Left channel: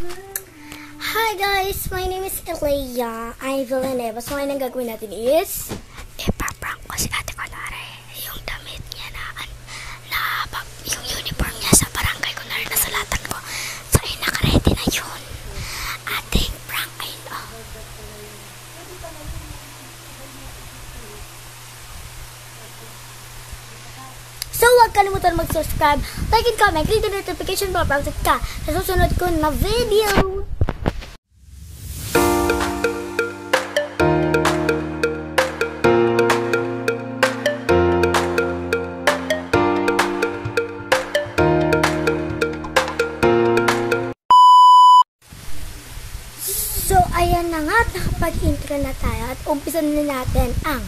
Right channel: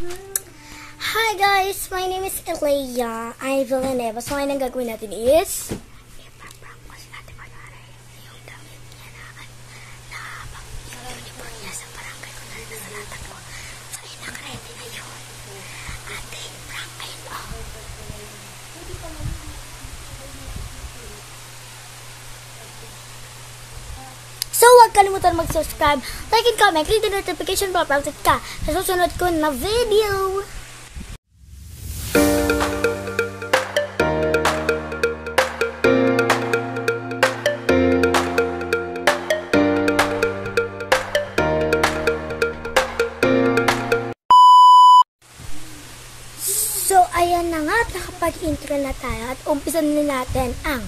Hi guys, my name is Elea. I'm Villanueva. So ngayon ang gagawin natin is ipaprank ko si Ate Colare. Yung damit niya yung uniform niya sa barangay ko na rin nasalatan ko. So ayun, nakaready na yun. Ating prank ayun. So, huwag kalimutan mag-subscribe, like and comment, click the notification bell para ka sa susunod ko na video. So, ayan na nga, nakapag-intro na tayo at umpisa na natin ang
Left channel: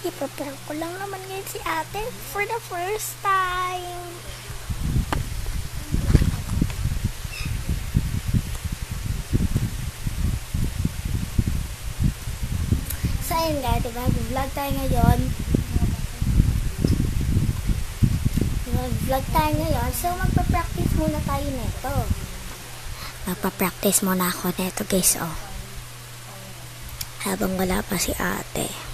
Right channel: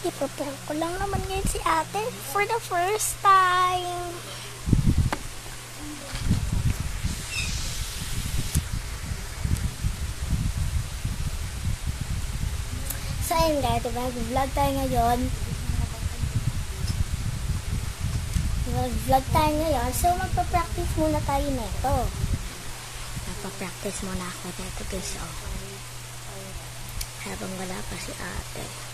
ipaprank ko lang naman ngayon si ate for the first time. So ayun guys, diba? Vlog tayo ngayon. So magpa-practice muna tayo neto. Magpa-practice muna ako neto guys, oh. Habang wala pa si ate.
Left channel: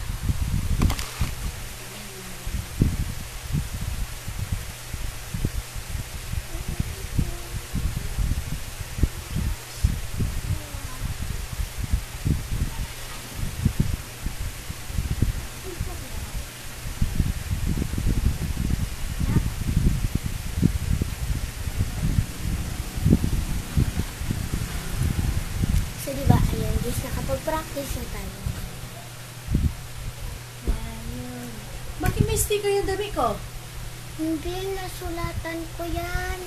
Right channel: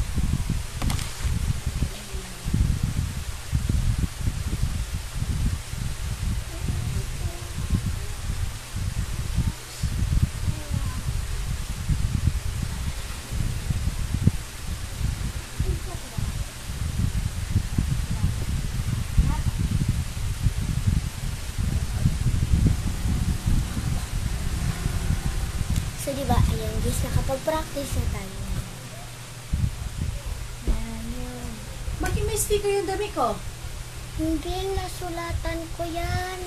So, diba, ayun, guys, nakapag-practice na tayo. Ayun. Bakit may sticker yung dami ko? Hindi, nasulatan ko yan.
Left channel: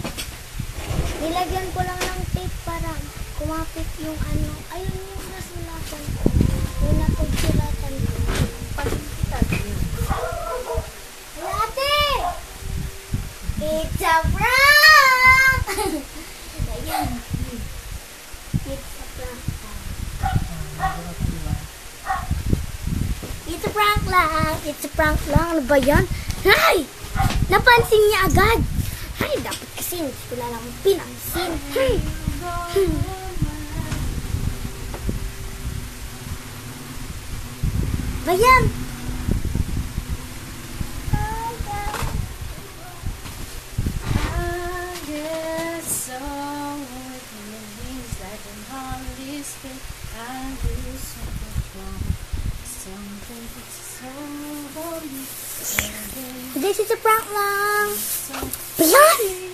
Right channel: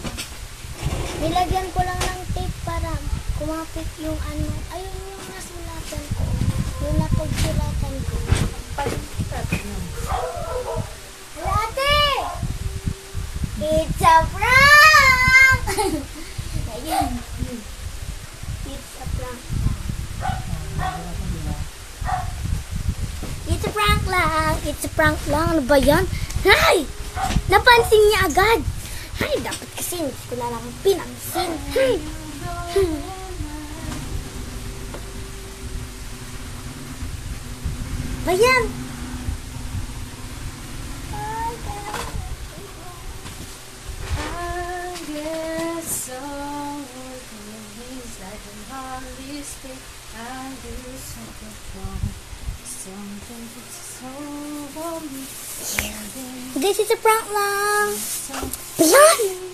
Nilagyan ko lang ng tape para kumapit yung ano. Ayun yung nasulatan ko. Yung napagsulatan ko. Hala, ate! It's a prank! Ayun. It's a prank. It's a prank lang. It's a prank lang. Ano ba yan? Hay! Napansin niya agad. Hay, dapat kasi hindi ko na lang pinansin. Hay! Ba yan? This is a prank lang. Yan!